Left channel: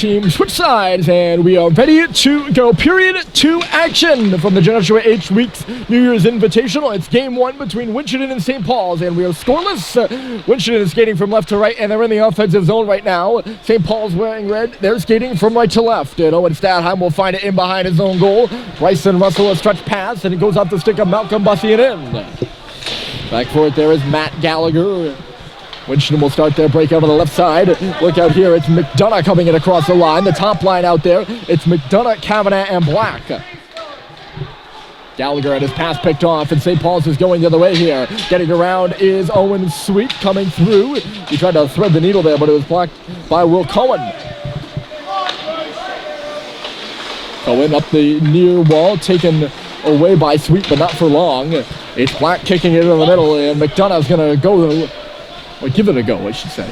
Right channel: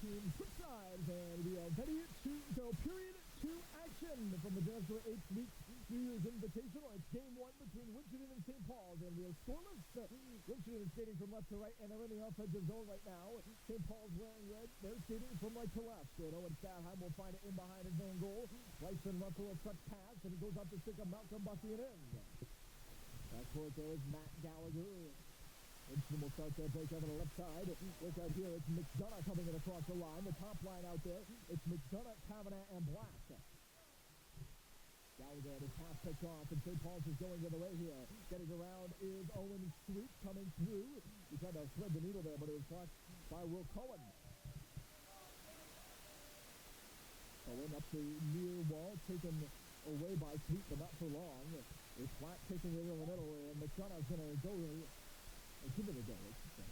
teams switch sides, and we are ready to go. Period 2 action from the Joshua H. Weeks New Year's Invitational. It's game 1 between Winchendon and St. Paul's, and we are scoreless. Winchendon is skating from left to right, and they're in the offensive zone right now. St. Paul's wearing red. They're skating from right to left. And Owen Stadheim will find it in behind his own goal. Bryson Russell a stretch pass, and it goes off the stick of Malcolm Bussey and in. Back for it there is Matt Gallagher. Winchendon will start their break out on the left side. Look out here, it's McDonough coming in across the line. The top line out there, it's McDonough, Kavanagh, and Black. Gallagher had his pass picked off, and St. Paul's is going the other way here. Getting around is Owen Sweet coming through. He tried to thread the needle there, but it was blocked by Will Cohen. Cohen up the near wall, taken away by Sweet, but not for long. It's Black kicking it in the middle, and McDonough's going to go, or give it a go, I should say.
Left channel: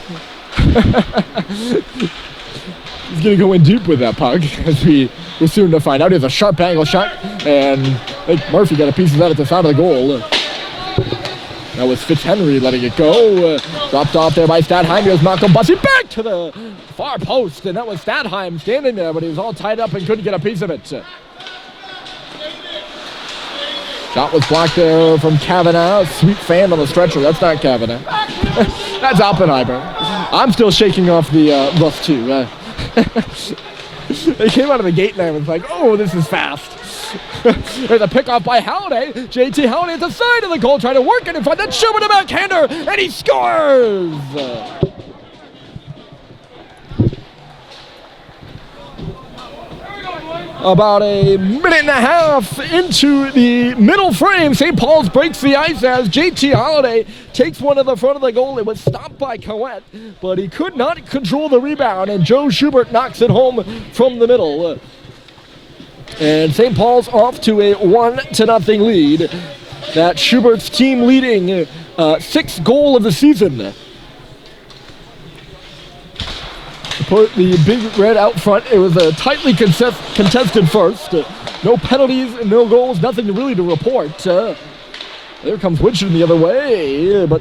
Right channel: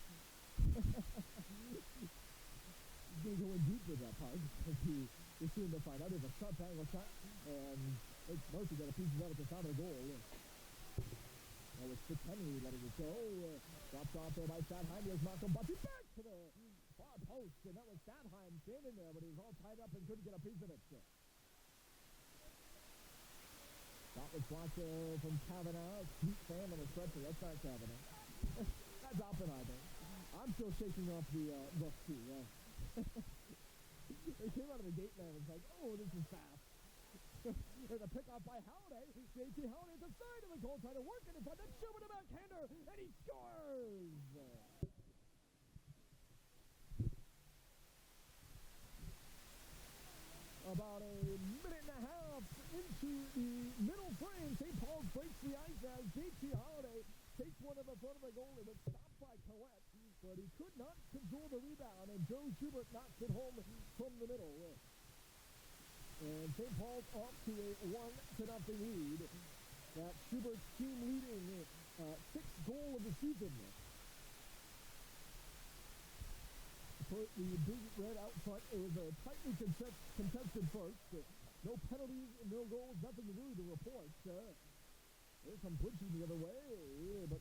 He's going to go in deep with that puck, as we're soon to find out. He has a sharp angle shot, and I think Murphy got a piece of that at the side of the goal. That was Fitzhenry letting it go. Dropped off there by Stadheim. Here's Malcolm Bussey back to the far post, and that was Stadheim standing there, but he was all tied up and couldn't get a piece of it. Shot was blocked there from Kavanagh. Sweet fan on the stretcher. That's not Kavanagh. That's Oppenheimer. I'm still shaking off the rust too. They came out of the gate and I was like, oh, this is fast. There's a pickoff by Halliday. JT Halliday at the side of the goal, trying to work it in front. Then Schubert a backhander, and he scores! About a minute and a half into the middle frame, St. Paul's breaks the ice as JT Halliday takes one to the front of the goal. It was stopped by Coet, but he could not control the rebound, and Joe Schubert knocks it home from the middle. And St. Paul's off to a 1-0 lead. That's Schubert's team leading 6th goal of the season. Put the big red out front. It was a tightly contested first. No penalties, no goals, nothing really to report. There comes Winchendon the other way, but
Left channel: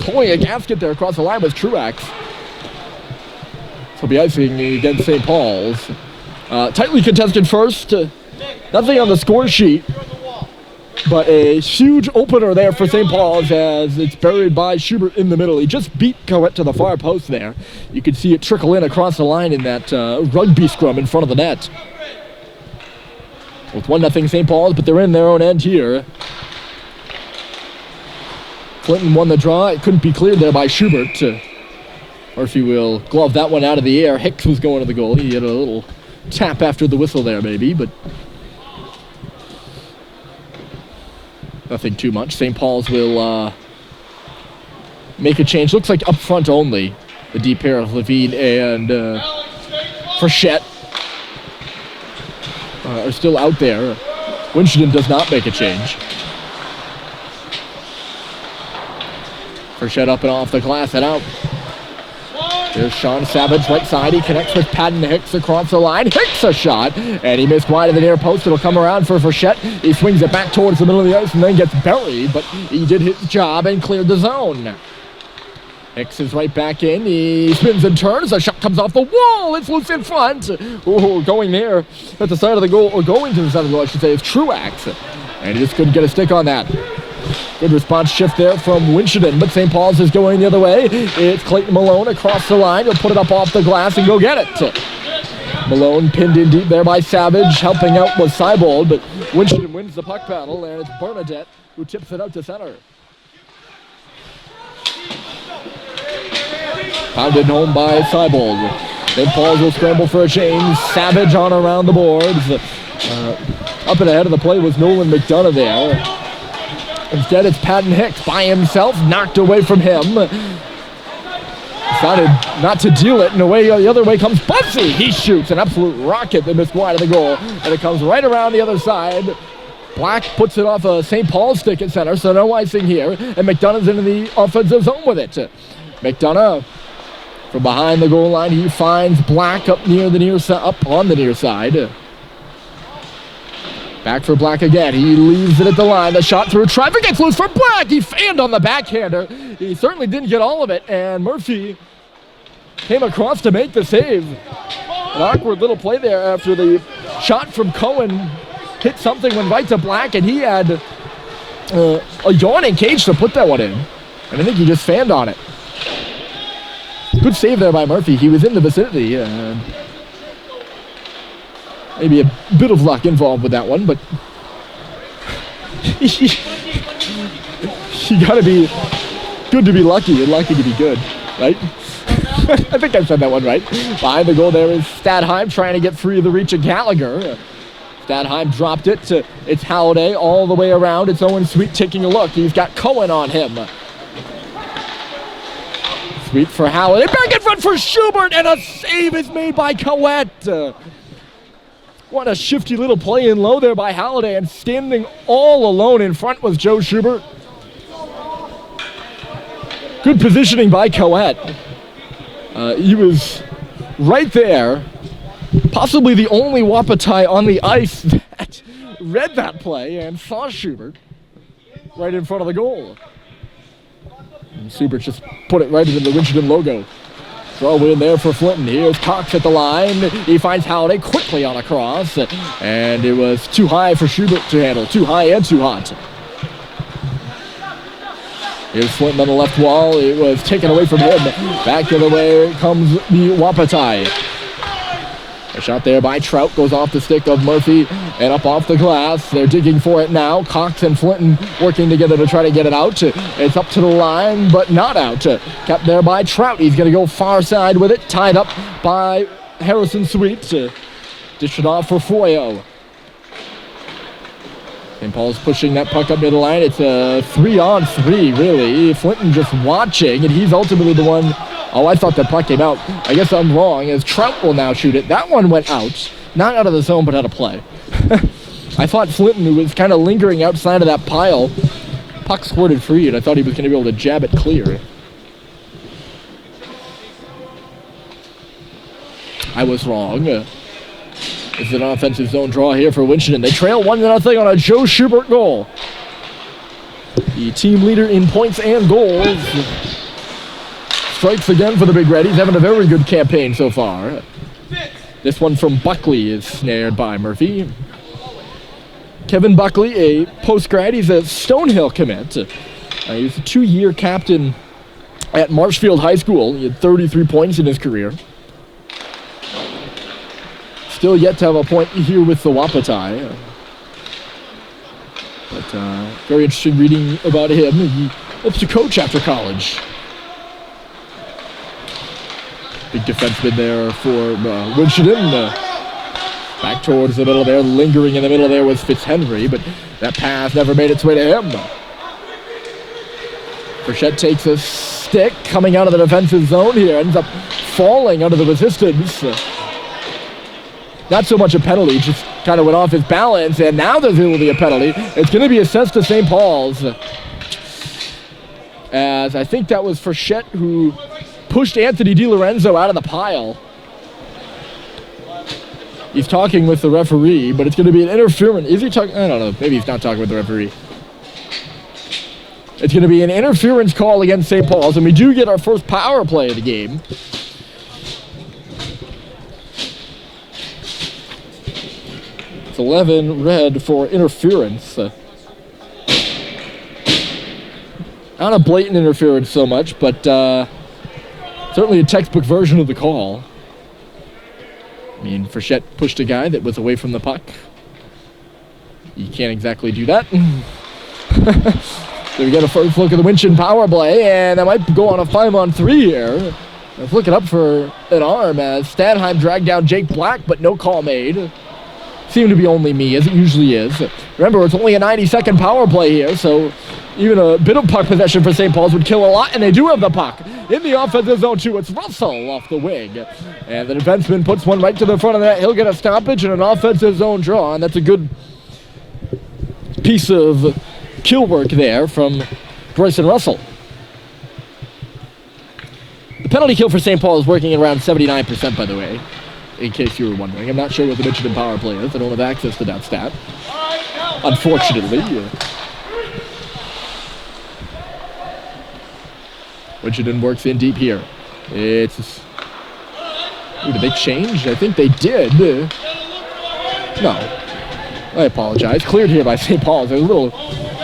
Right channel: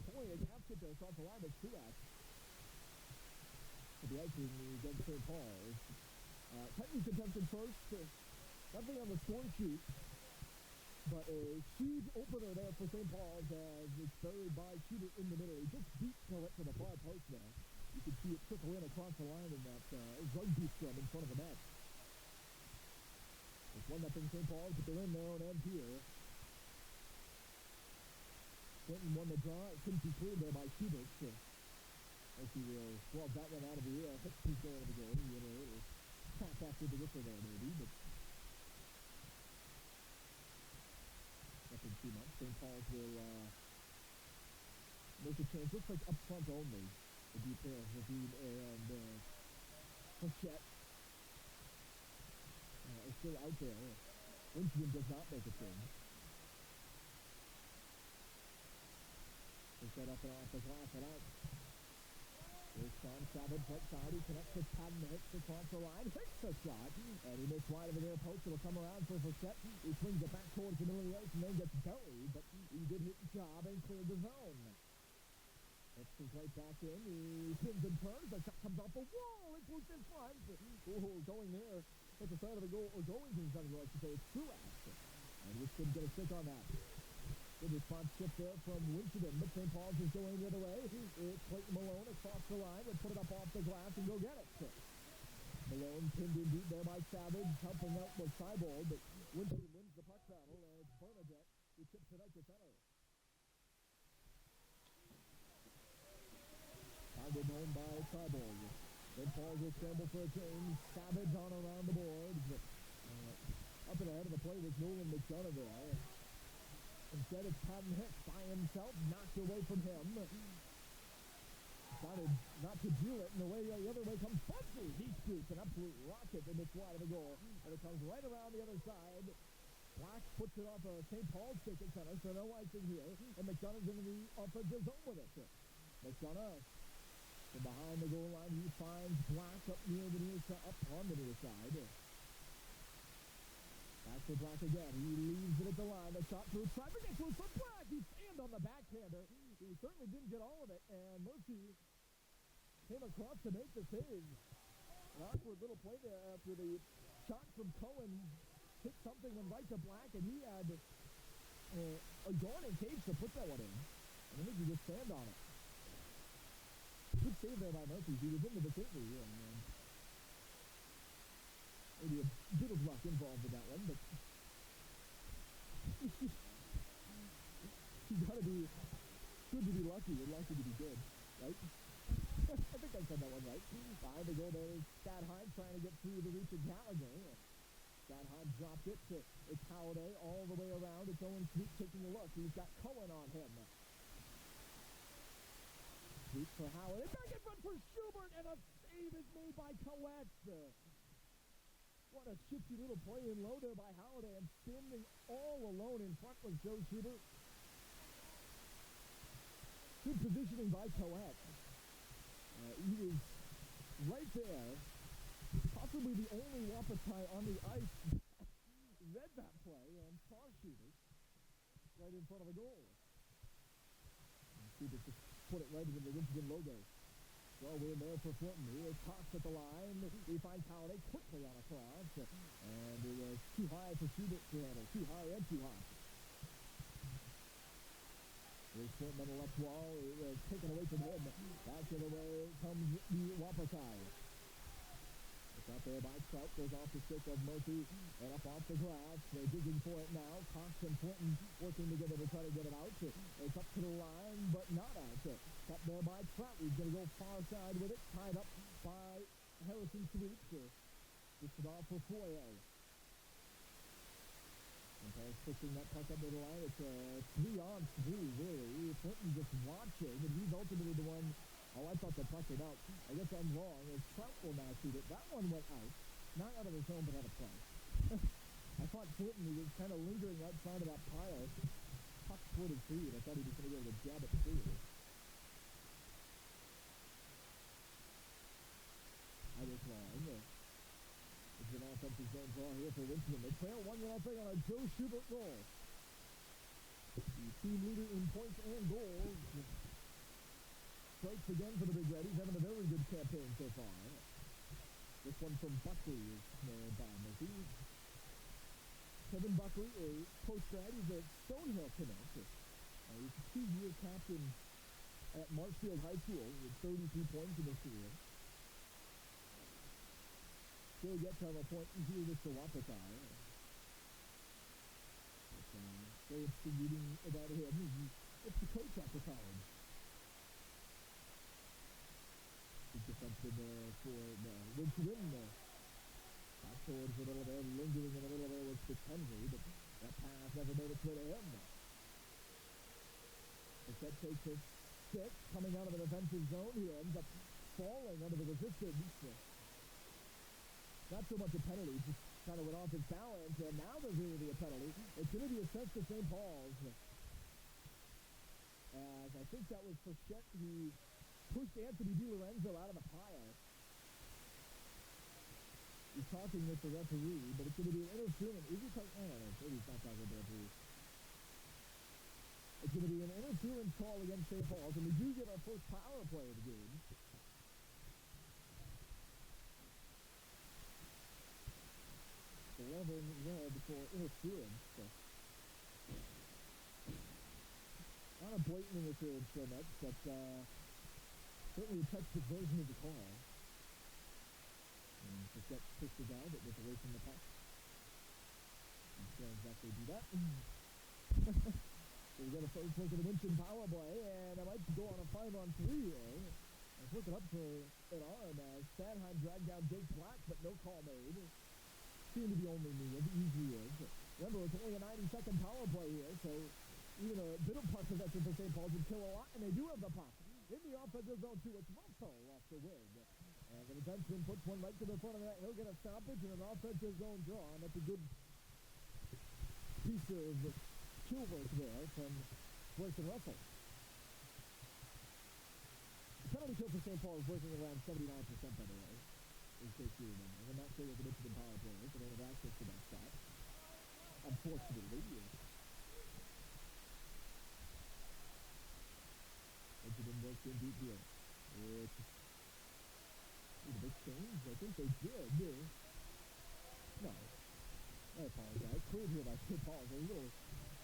pulling a gasket there across the line was Truax. So be icing against St. Paul's. Tightly contested first. Nothing on the score sheet, but a huge opener there for St. Paul's as it's buried by Schubert in the middle. He just beat Coet to the far post there. You could see it trickle in across the line in that rugby scrum in front of the net. With 1-0 St. Paul's, but they're in their own end here. Clinton won the draw. It couldn't be cleared there by Schubert. Murphy will glove that one out of the air. Hicks was going to the goal. He had a little tap after the whistle there maybe, but nothing too much. St. Paul's will make a change. Looks like up front only. The deep pair of Levine and Frechette are still out there. Winchendon does not make a change. Frechette up and off the glass and out. There's Sean Savage, right side. He connects with Patton Hicks across the line. Hicks a shot, and he missed wide of the near post. It'll come around for Frechette. He swings it back towards the middle of the ice and then gets buried, but he did his job and cleared the zone. Hicks is right back in. He spins and turns. A shot comes off the wall. It's loose in front. Ooh, going there at the side of the goal, or going to the side of the goal, I should say, is Truax. And he just couldn't get a stick on that. Good response shift there from Winchendon, but St. Paul's is going the other way. It's Clayton Malone across the line. He'll put it up off the glass and go get it. Malone pinned in deep there by Savage. Helping out was Seibold, but Winchendon wins the puck battle, and it's Bernadette who tips it out to center. Pounded home by Seibold. St. Paul's will scramble for a change. Savage on around the boards. Up and ahead of the play was Nolan McDonough there. Instead, it's Patton Hicks by himself, knocked away from him. Decided not to deal it, and away the other way comes Bussey. He shoots an absolute rocket that missed wide of the goal, and it comes right around the other side. Black puts it off a St. Paul's stick at center, so no icing here, and McDonough's into the offensive zone with it. McDonough from behind the goal line, he finds Black up on the near side. Back for Black again. He leaves it at the line. The shot through traffic gets loose for Black. He fanned on the backhander. He certainly didn't get all of it, and Murphy came across to make the save. An awkward little play there after the shot from Cohen hit something, went right to Black, and he had a yawning cage to put that one in. And I think he just fanned on it. Good save there by Murphy. He was in the vicinity. Maybe a bit of luck involved with that one, but you gotta be good to be lucky and lucky to be good, right? I think I said that one right. Behind the goal there is Stadheim trying to get free of the reach of Gallagher. Stadheim dropped it to, it's Halliday all the way around. It's Owen Sweet taking a look. He's got Cohen on him. Sweet for Halliday, back in front for Schubert, and a save is made by Coet. What a shifty little play in low there by Halliday, and standing all alone in front was Joe Schubert. Good positioning by Coet. He was right there, possibly the only Wapiti on the ice that read that play and saw Schubert right in front of the goal. And Schubert just put it right into the Winchendon logo. Throw in there for Flinton. Here's Cox at the line. He finds Halliday quickly on a cross, and it was too high for Schubert to handle. Too high and too hot. Here's Flinton on the left wall. It was taken away from him. Back the other way comes the Wapiti. A shot there by Trout goes off the stick of Murphy and up off the glass. They're digging for it now. Cox and Flinton working together to try to get it out. It's up to the line, but not out. Kept there by Trout. He's going to go far side with it. Tied up by Harrison Sweet. Dish it off for Foyo. St. Paul's pushing that puck up near the line. It's a 3-on-3, really. Flinton just watching, and he's ultimately the one. Oh, I thought the puck came out. I guess I'm wrong, as Trout will now shoot it. That one went out. Not out of the zone, but out of play. I thought Flinton, who was kind of lingering outside of that pile, puck squirted free, and I thought he was going to be able to jab it clear. I was wrong. It's an offensive zone draw here for Winchendon. They trail 1-0 on a Joe Schubert goal. The team leader in points and goals. Strikes again for the Big Red. He's having a very good campaign so far. This one from Buckley is snared by Murphy. Kevin Buckley, a post-grad. He's a Stonehill commit. He's a 2-year captain at Marshfield High School. He had 33 points in his career. Still yet to have a point here with the Wapiti. But very interesting reading about him. He hopes to coach after college. Big defenseman there for Winchendon. Back towards the middle there, lingering in the middle there was Fitzhenry, but that pass never made its way to him. Burchett takes a stick coming out of the defensive zone here, ends up falling under the resistance. Not so much a penalty, just kind of went off his balance, and now there's going to be a penalty. It's going to be assessed to St. Paul's. As I think that was Frechette who pushed Anthony DiLorenzo out of the pile. He's talking with the referee, but it's going to be an interference. Is he talking? I don't know. Maybe he's not talking with the referee. It's going to be an interference call against St. Paul's, and we do get our first power play of the game. It's 11 red for interference. Not a blatant interference so much, but certainly a textbook version of the call. I mean, Frechette pushed a guy that was away from the puck. You can't exactly do that. So we get a first look at the Winchendon power play, and that might go on a 5-on-3 here. Let's look it up for an arm as Stadheim dragged down Jake Black, but no call made. Seemed to be only me, as it usually is. Remember, it's only a 90-second power play here, so even a bit of puck possession for St. Paul's would kill a lot, and they do have the puck. In the offensive zone, too, it's Russell off the wing. And the defenseman puts one right to the front of that. He'll get a stoppage and an offensive zone draw, and that's a good piece of kill work there from Bryson Russell. The penalty kill for St. Paul is working at around 79%, by the way, in case you were wondering. I'm not sure what the Winchendon power play is. I don't have access to that stat, unfortunately. Winchendon works in deep here. It's Ooh, did they change? I think they did. No. I apologize. Cleared here by St. Paul's. I was a little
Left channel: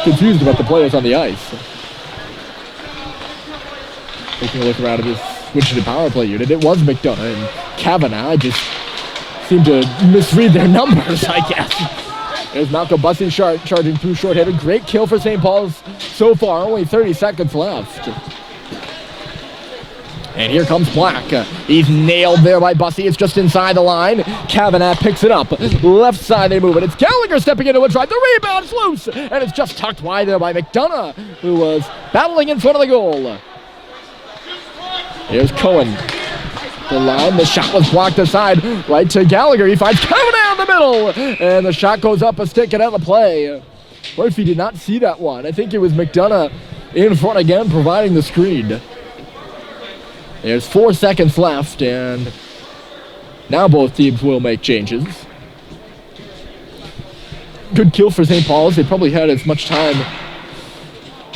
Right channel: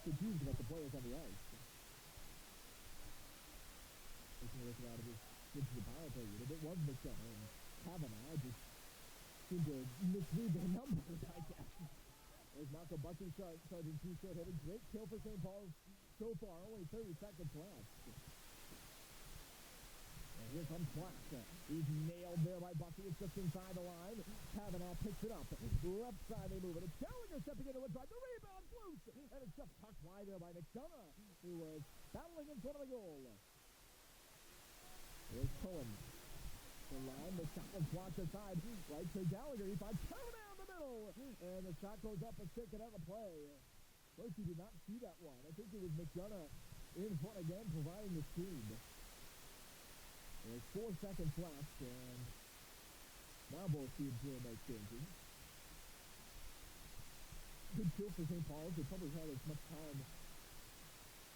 confused about the players on the ice. Taking a look around at this Winchendon power play unit. It was McDonough and Kavanaugh. Just seemed to misread their numbers, I guess. There's Malcolm Bussey charging through short-handed. Great kill for St. Paul's so far. Only 30 seconds left. And here comes Black. He's nailed there by Bussey. It's just inside the line. Kavanaugh picks it up. Left side they move it. It's Gallagher stepping into a drive. The rebound's loose. And it's just tucked wide there by McDonough, who was battling in front of the goal. Here's Cohen. The line, the shot was blocked aside. Right to Gallagher. He finds Kavanaugh in the middle. And the shot goes up a stick and out of play. Murphy did not see that one. I think it was McDonough in front again, providing the screen. There's 4 seconds left, and now both teams will make changes. Good kill for St. Paul's. They probably had as much time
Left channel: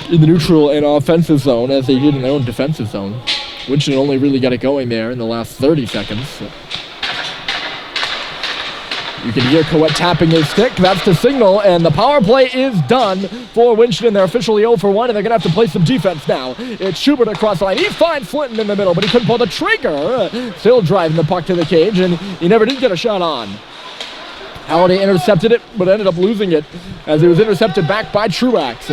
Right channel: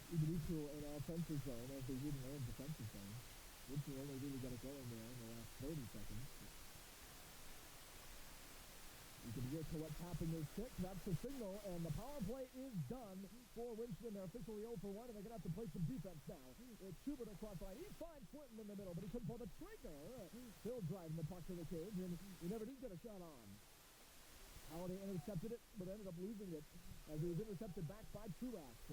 in the neutral and offensive zone as they did in their own defensive zone. Winchendon only really got it going there in the last 30 seconds. You can hear Coet tapping his stick. That's the signal, and the power play is done for Winchendon. They're officially 0 for 1, and they're going to have to play some defense now. It's Schubert across the line. He finds Flinton in the middle, but he couldn't pull the trigger. Still driving the puck to the cage, and he never did get a shot on. Halliday intercepted it, but ended up losing it as it was intercepted back by Truax.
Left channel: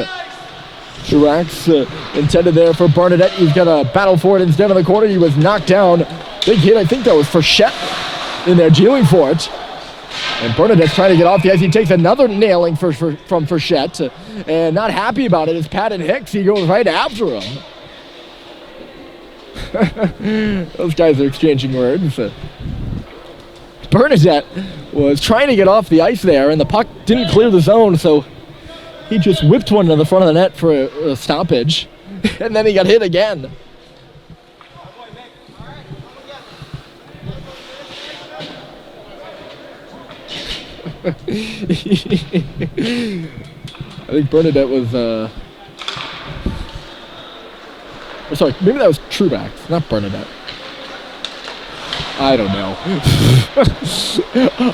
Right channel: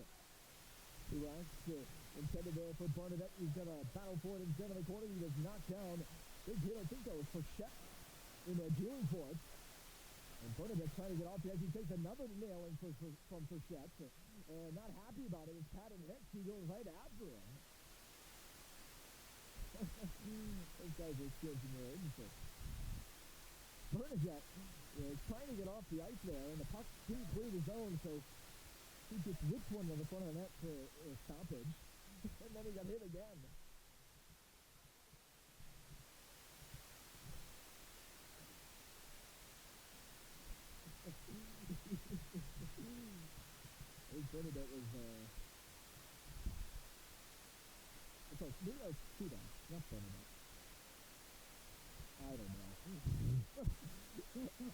Truax intended there for Bernadette. He's got to battle for it instead of the corner. He was knocked down. Big hit, I think that was Frechette in there dealing for it. And Bernadette's trying to get off the ice. He takes another nailing from Frechette. And not happy about it is Patton Hicks. He goes right after him. Those guys are exchanging words. Bernadette was trying to get off the ice there, and the puck didn't clear the zone, so he just whipped one to the front of the net for a stoppage. And then he got hit again. I think Bernadette was, sorry, maybe that was Truax, not Bernadette. I don't know.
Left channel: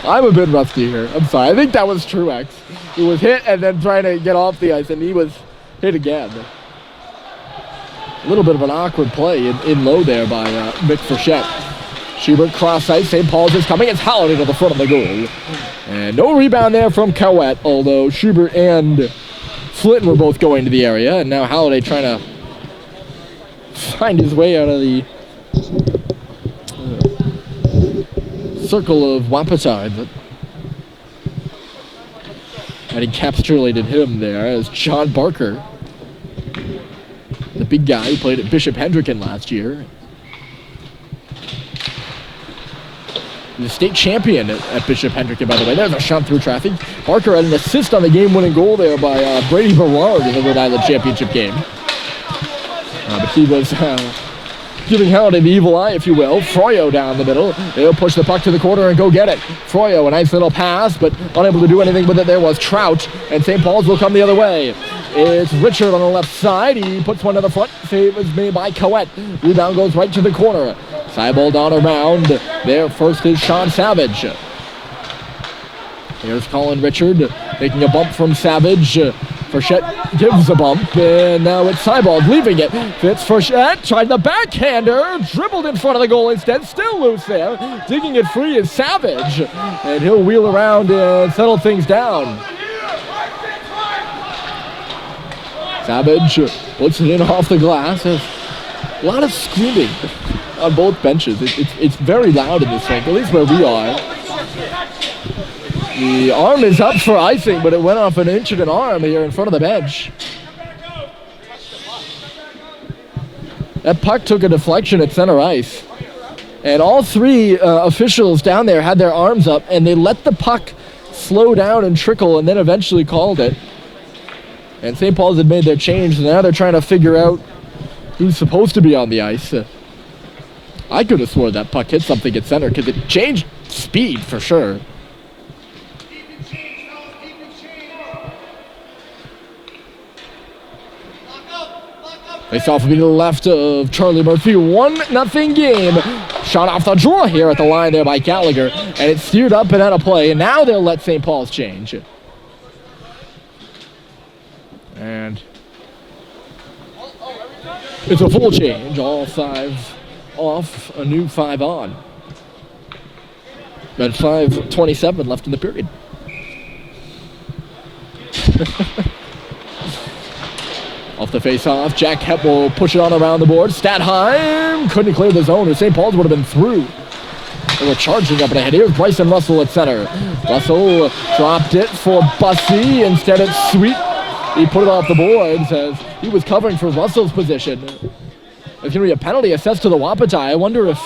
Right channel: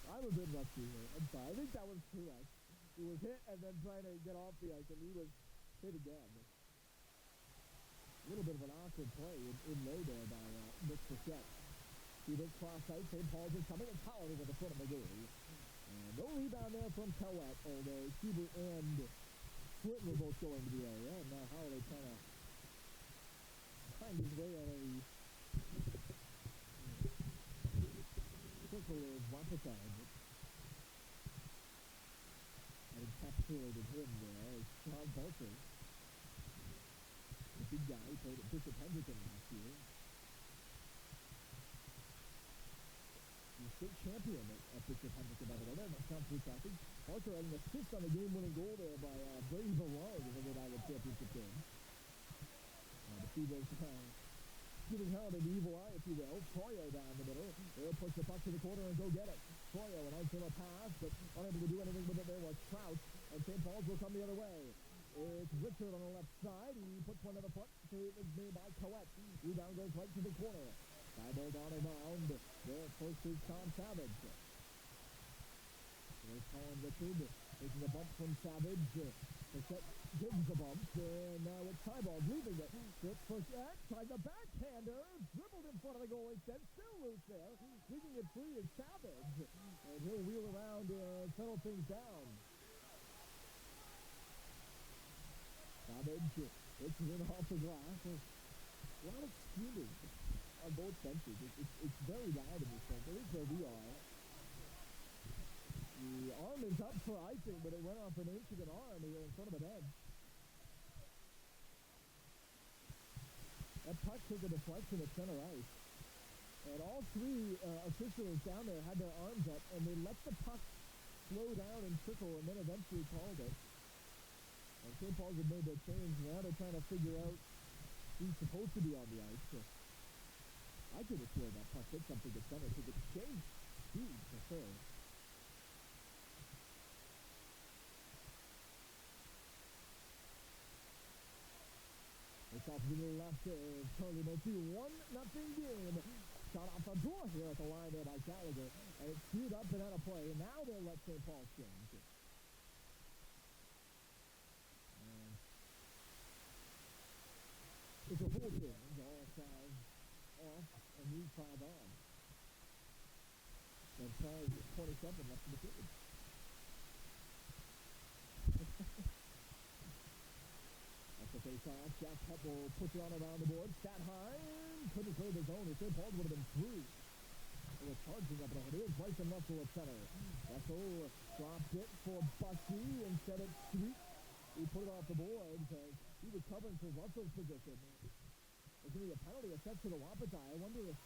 I'm a bit rusty here. I'm sorry. I think that was Truax, who was hit and then trying to get off the ice, and he was hit again. A little bit of an awkward play in low there by Mick Frechette. Schubert cross ice. St. Paul's is coming. It's Halliday to the front of the goal. And no rebound there from Coet, although Schubert and Flinton were both going to the area. And now Halliday trying to find his way out of the circle of Wapiti. But and encapsulated him there as John Barker, the big guy who played at Bishop Hendricken last year. The state champion at Bishop Hendricken, by the way. There's a shot through traffic. Barker had an assist on the game-winning goal there by Brady Berard in the Rhode Island championship game. But he was giving Halliday the evil eye, if you will. Froyo down the middle. They'll push the puck to the corner and go get it. Froyo, a nice little pass, but unable to do anything with it. There was Trout, and St. Paul's will come the other way. It's Richard on the left side. He puts one to the front. Save is made by Coet. Rebound goes right to the corner. Seibold on around. There first is Sean Savage. Here's Colin Richard making a bump from Savage. Frechette gives a bump, and now it's Seibold leaving it. Fitz Frechette tried the backhander, dribbled in front of the goal instead, still loose there. Digging it free is Savage, and he'll wheel around and settle things down. Savage puts it in off the glass. There's a lot of screaming on both benches. It's very loud in this rink, at least where we are. The arm is up for icing, but it went off an inch of an arm here in front of the bench. That puck took a deflection at center ice. And all three officials down there had their arms up, and they let the puck slow down and trickle, and then eventually called it. And St. Paul's had made their change, and now they're trying to figure out who's supposed to be on the ice. I could have sworn that puck hit something at center, because it changed speed for sure. Face off will be to the left of Charlie Murphy. 1-0 game. Shot off the draw here at the line there by Gallagher. And it's steered up and out of play. And now they'll let St. Paul's change. And it's a full change. All 5 off, a new 5 on. And 5:27 left in the period. Off the face-off, Jack Hepp will push it on around the board. Statheim couldn't clear the zone, or St. Paul's would have been through. They were charging up and ahead. Here's Bryson Russell at center. Russell dropped it for Bussey. Instead, it's Sweet. He put it off the boards as he was covering for Russell's position. There's going to be a penalty assessed to the Wapiti. I wonder if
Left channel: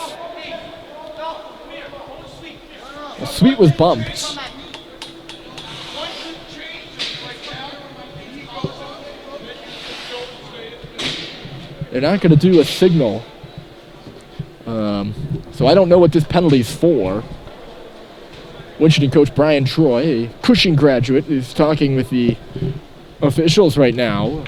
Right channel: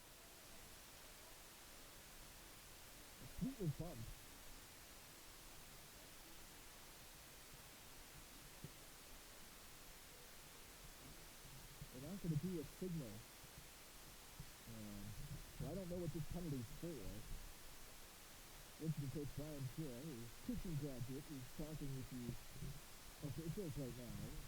Sweet was bumped. They're not going to do a signal. So I don't know what this penalty's for. Winchendon coach Brian Troy, a Cushing graduate, is talking with the officials right now.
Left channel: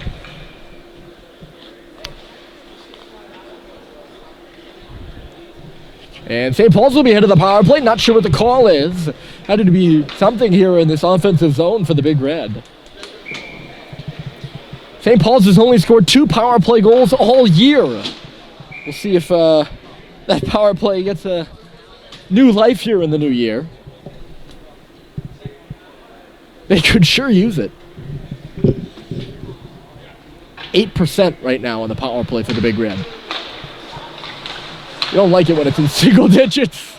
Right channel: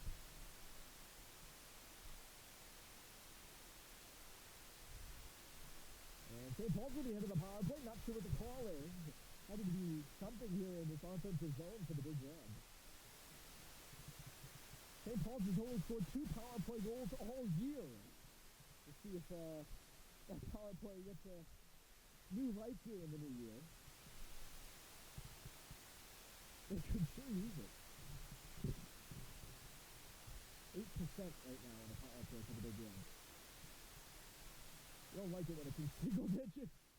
And St. Paul's will be ahead of the power play. Not sure what the call is. Had to be something here in this offensive zone for the Big Red. St. Paul's has only scored 2 power play goals all year. We'll see if that power play gets a new life here in the new year. They could sure use it. 8% right now on the power play for the Big Red. You don't like it when it's in single digits.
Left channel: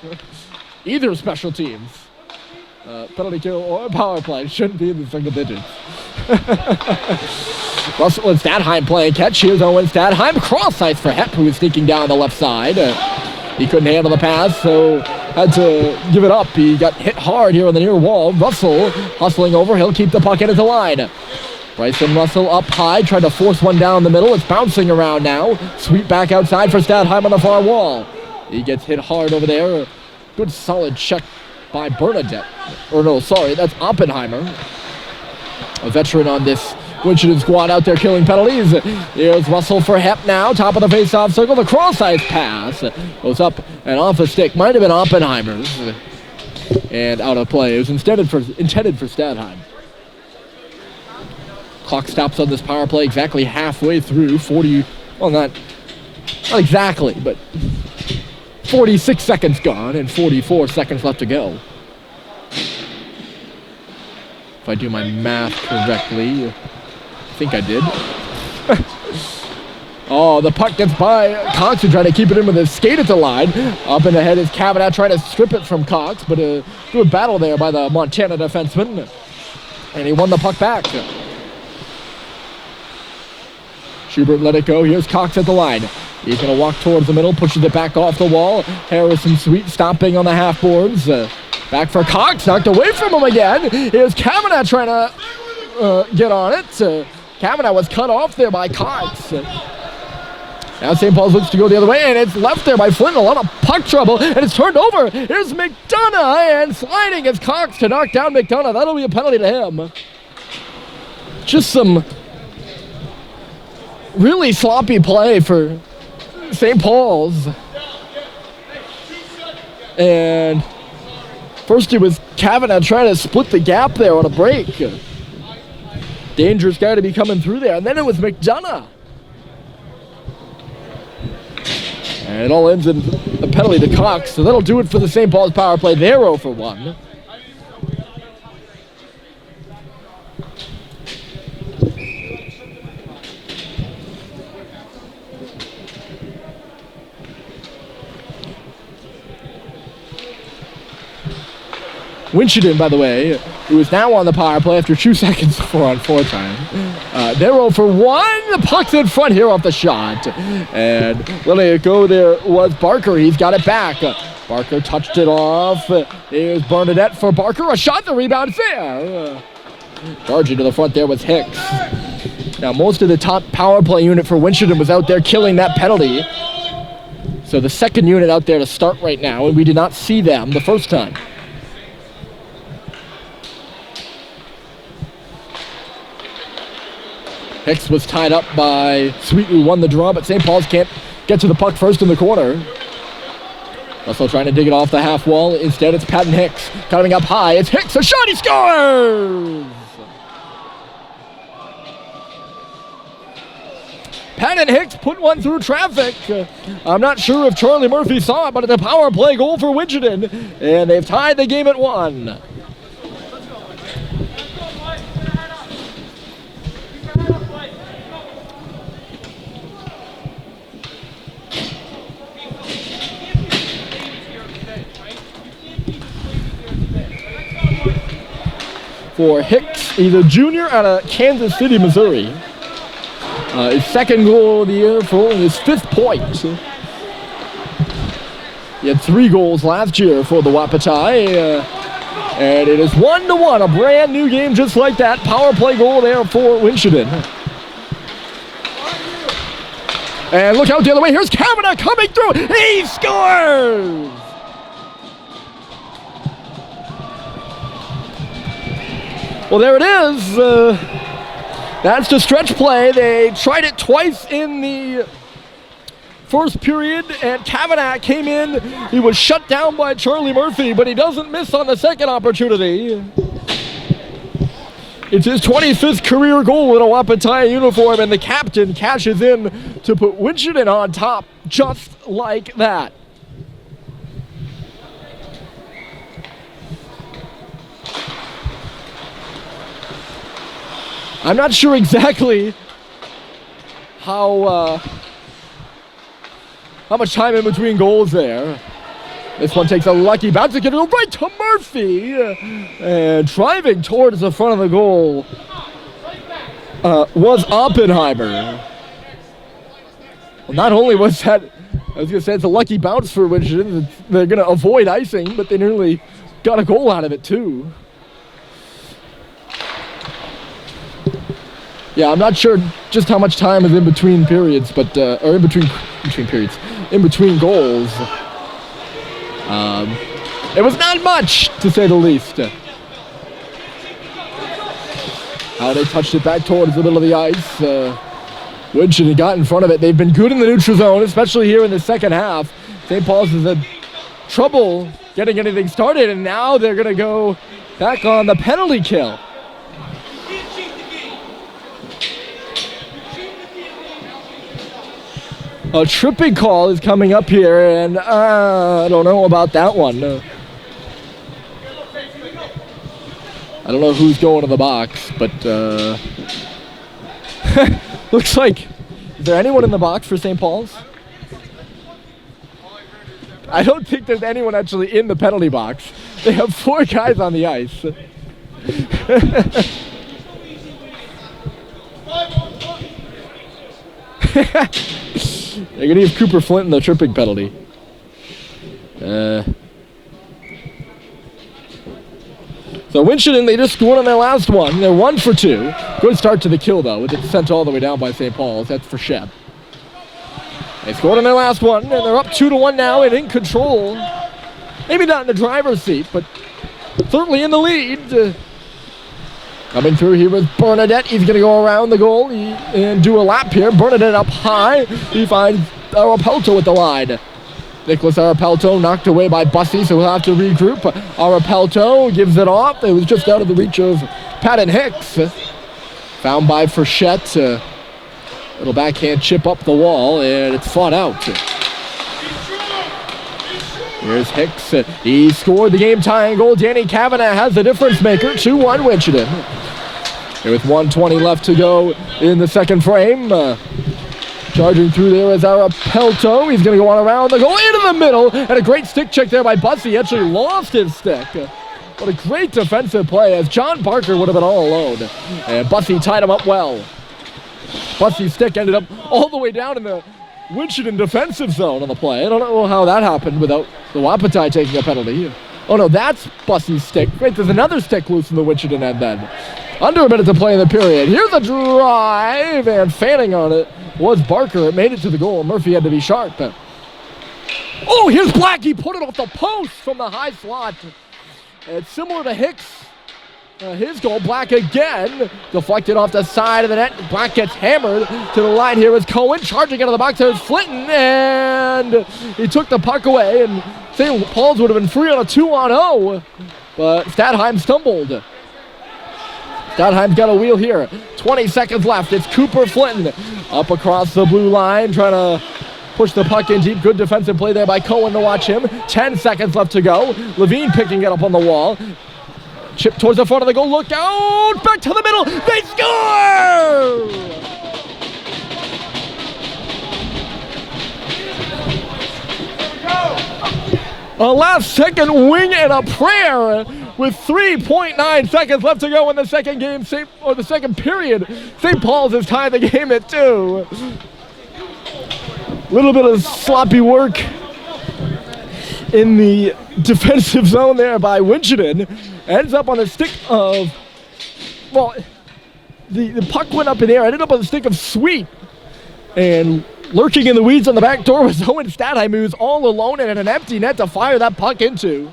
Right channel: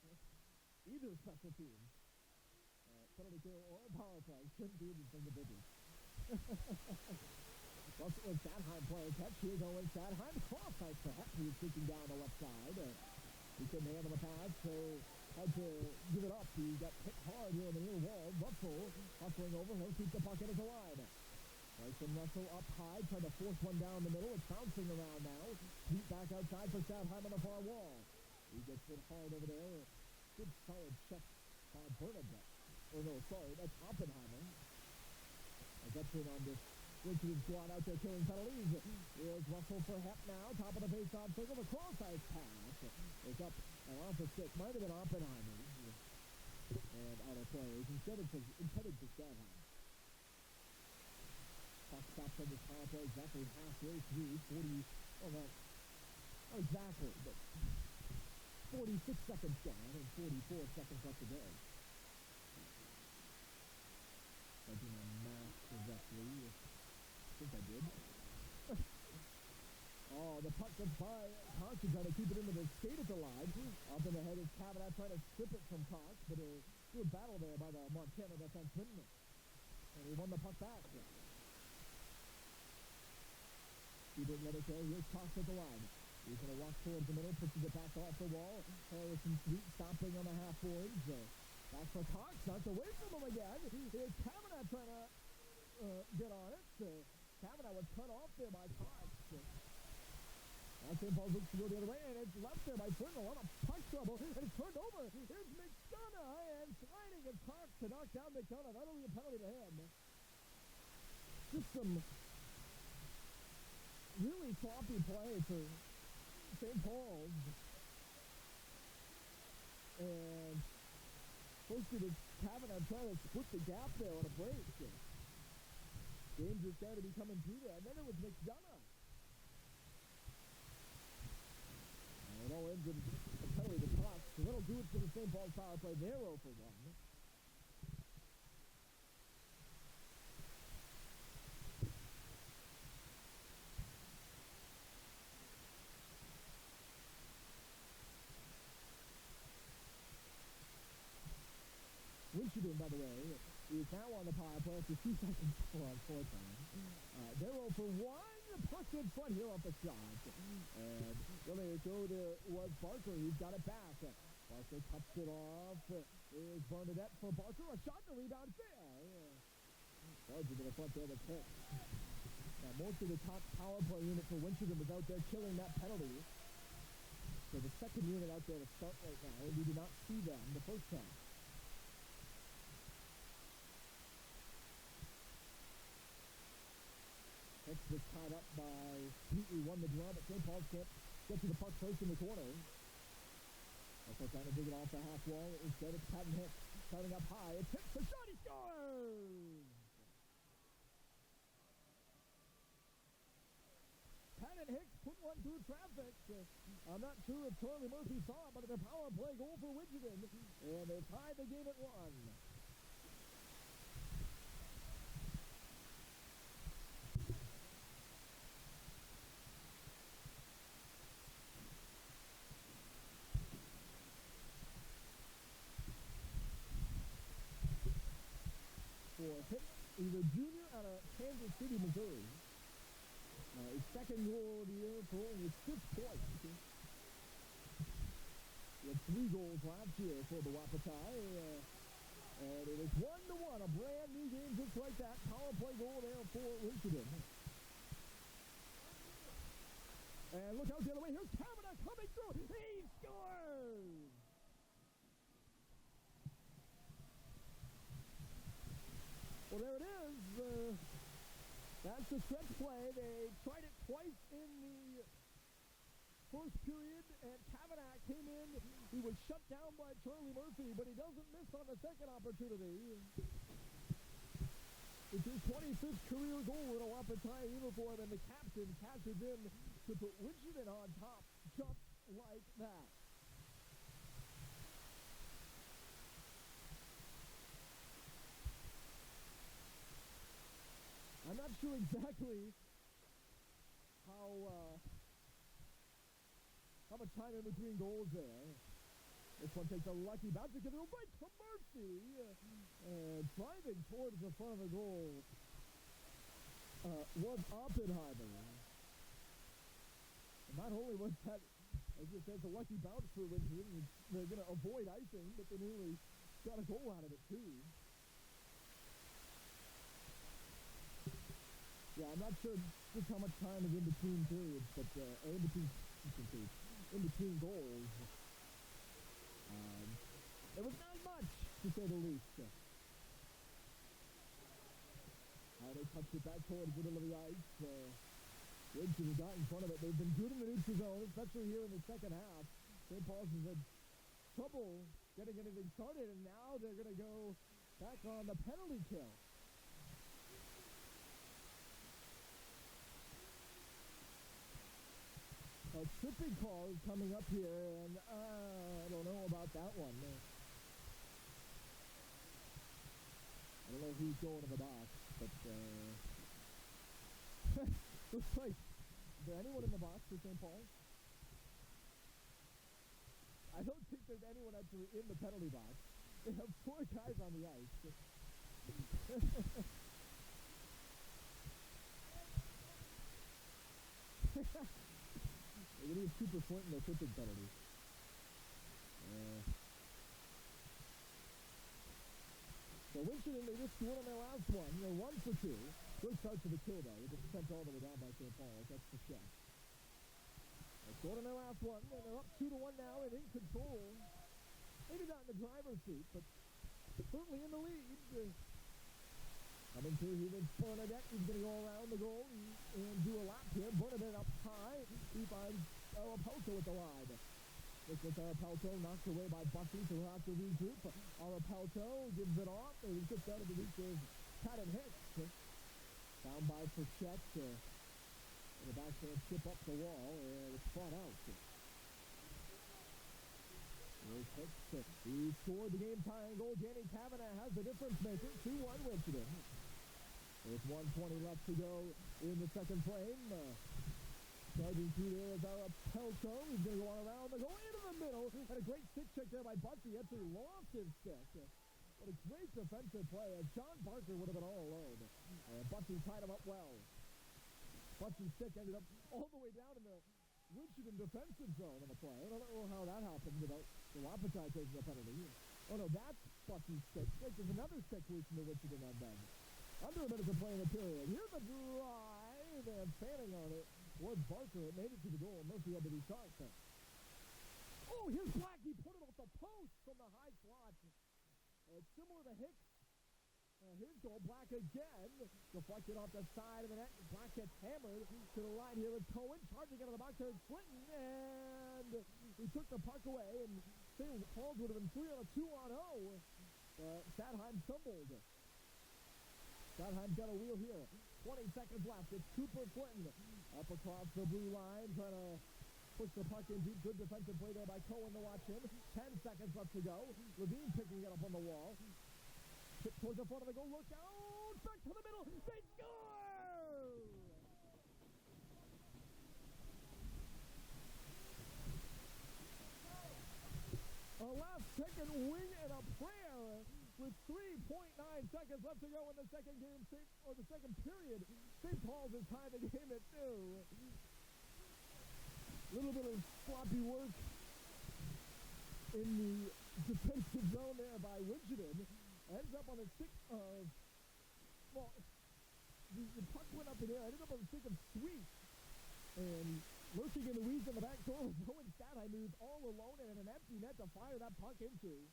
Either special teams. Penalty kill or power play shouldn't be in the single digits. Russell and Statheim playing catch. Here's Owen Statheim. Cross ice for Hepp, who was sneaking down the left side. He couldn't handle the pass, so had to give it up. He got hit hard here on the near wall. Russell hustling over. He'll keep the puck in at the line. Bryson Russell up high, trying to force one down the middle. It's bouncing around now. Sweep back outside for Statheim on the far wall. He gets hit hard over there. Good solid check by Bernadette. Or no, sorry, that's Oppenheimer. A veteran on this Winchendon squad out there killing penalties. Here's Russell for Hepp now. Top of the face-off circle. The cross-ice pass goes up and off a stick. Might have been Oppenheimer's. And out of play. It was intended for Statheim. Clock stops on this power play exactly halfway through. 40, well, not exactly, but 46 seconds gone and 44 seconds left to go. If I do my math correctly, I think I did. Oh, the puck gets by Cox, who tried to keep it in with his skate at the line. Up in the head is Kavanaugh trying to strip it from Cox, but a good battle there by the Montana defenseman. And he won the puck back. Schubert let it go. Here's Cox at the line. He's going to walk towards the middle, pushes it back off the wall. Harrison Sweet stopping on the half boards. Back for Cox, knocked away from him again. Here's Kavanaugh trying to get on it. Kavanaugh was cut off there by Cox. Now St. Paul's looks to go the other way, and it's left there by Flynn. A lot of puck trouble, and it's turned over. Here's McDonough, and sliding is Cox to knock down McDonough. That'll be a penalty to him. Just some really sloppy play for St. Paul's. And first it was Kavanaugh trying to split the gap there on a break. Dangerous guy to be coming through there. And then it was McDonough. And it all ends in a penalty to Cox. So that'll do it for the St. Paul's power play. They're 0 for 1. Winchendon, by the way, who is now on the power play after 2 seconds 4-on-4 time. They're 0 for 1. The puck's in front here off the shot. And letting it go there was Barker. He's got it back. Barker touched it off. Here's Bernadette for Barker. A shot, the rebound fair. Charging to the front there was Hicks. Now, most of the top power play unit for Winchendon was out there killing that penalty. So the second unit out there to start right now, and we did not see them the first time. Hicks was tied up by Sweet, who won the draw, but St. Paul's can't get to the puck first in the corner. Russell trying to dig it off the half wall. Instead, it's Patton Hicks coming up high. It's Hicks, a shot, he scores! Patton Hicks put one through traffic. I'm not sure if Charlie Murphy saw it, but it's a power play goal for Winchendon, and they've tied the game at 1. For Hicks, he's a junior out of Kansas City, Missouri. His second goal of the year for only his 5th point. He had 3 goals last year for the Wapiti. And it is 1-1, a brand new game just like that. Power play goal there for Winchendon. And look out the other way, here's Kavanaugh coming through, he scores! Well, there it is. That's the stretch play. They tried it twice in the first period, and Kavanaugh came in. He was shut down by Charlie Murphy, but he doesn't miss on the second opportunity. It's his 25th career goal in a Wapiti uniform, and the captain cashes in to put Winchendon on top just like that. I'm not sure exactly how much time in between goals there. This one takes a lucky bounce to get it right to Murphy. And driving towards the front of the goal was Oppenheimer. Well, not only was that, I was going to say it's a lucky bounce for Winchendon. They're going to avoid icing, but they nearly got a goal out of it too. Yeah, I'm not sure just how much time is in between periods, but or in between periods, in between goals. It was not much, to say the least. How they touched it back towards the middle of the ice. Winchendon got in front of it. They've been good in the neutral zone, especially here in the second half. St. Paul's has had trouble getting anything started, and now they're going to go back on the penalty kill. A tripping call is coming up here, and I don't know about that one. I don't know who's going to the box, but looks like, is there anyone in the box for St. Paul's? I don't think there's anyone actually in the penalty box. They have 4 guys on the ice. They're going to give Cooper Flint the tripping penalty. So Winchendon, they just scored on their last one. They're 1 for 2. Good start to the kill, though, with it sent all the way down by St. Paul's. That's for Shep. They scored on their last one, and they're up 2-1 now and in control. Maybe not in the driver's seat, but certainly in the lead. Coming through here with Bernadette. He's going to go around the goal and do a lap here. Bernadette up high. He finds Arapelto at the line. Nicholas Arapelto knocked away by Bussy, so he'll have to regroup. Arapelto gives it off. It was just out of the reach of Patton Hicks. Found by Frechette. Little backhand chip up the wall, and it's fought out. Here's Hicks. He scored the game-tying goal. Danny Kavanaugh has the difference maker. 2-1 Winchendon. Here with 1:20 left to go in the second frame. Charging through there is Arapelto. He's going to go on around the goal into the middle. And a great stick check there by Bussy. He actually lost his stick. What a great defensive play, as John Barker would have been all alone. And Bussy tied him up well. Bussy's stick ended up all the way down in the Winchendon defensive zone on the play. I don't know how that happened without the Wapiti taking a penalty. Oh no, that's Bussy's stick. Wait, there's another stick loose in the Winchendon end then. Under a minute to play in the period. Here's a drive, and fanning on it was Barker. It made it to the goal. Murphy had to be sharp. Oh, here's Black. He put it off the post from the high slot. And it's similar to Hicks His goal, Black again. Deflected off the side of the net. Black gets hammered to the line here as Cohen charging out of the box. There's Flinton, and he took the puck away, and St. Paul's would have been free on a 2-on-0, but Stadheim stumbled. Stadheim's got a wheel here. 20 seconds left. It's Cooper Flinton up across the blue line, trying to push the puck in deep. Good defensive play there by Cohen to watch him. 10 seconds left to go. Levine picking it up on the wall. Chip towards the front of the goal. Look out! Back to the middle. They score! A last-second wing and a prayer with 3.9 seconds left to go in the second game, or the second period. St. Paul's has tied the game at 2. Little bit of sloppy work in the defensive zone there by Winchendon. Ends up on the stick of, well, the puck went up in the air, ended up on the stick of Sweet. And lurking in the weeds on the back door was Owen Stadheim, who's all alone and in an empty net to fire that puck into.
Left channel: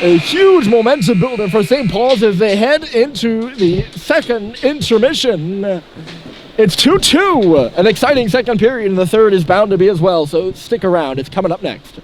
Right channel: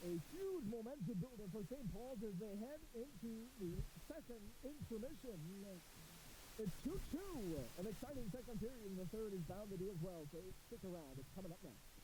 A huge momentum builder for St. Paul's as they head into the second intermission. It's 2-2. An exciting second period, and the third is bound to be as well, so stick around. It's coming up next.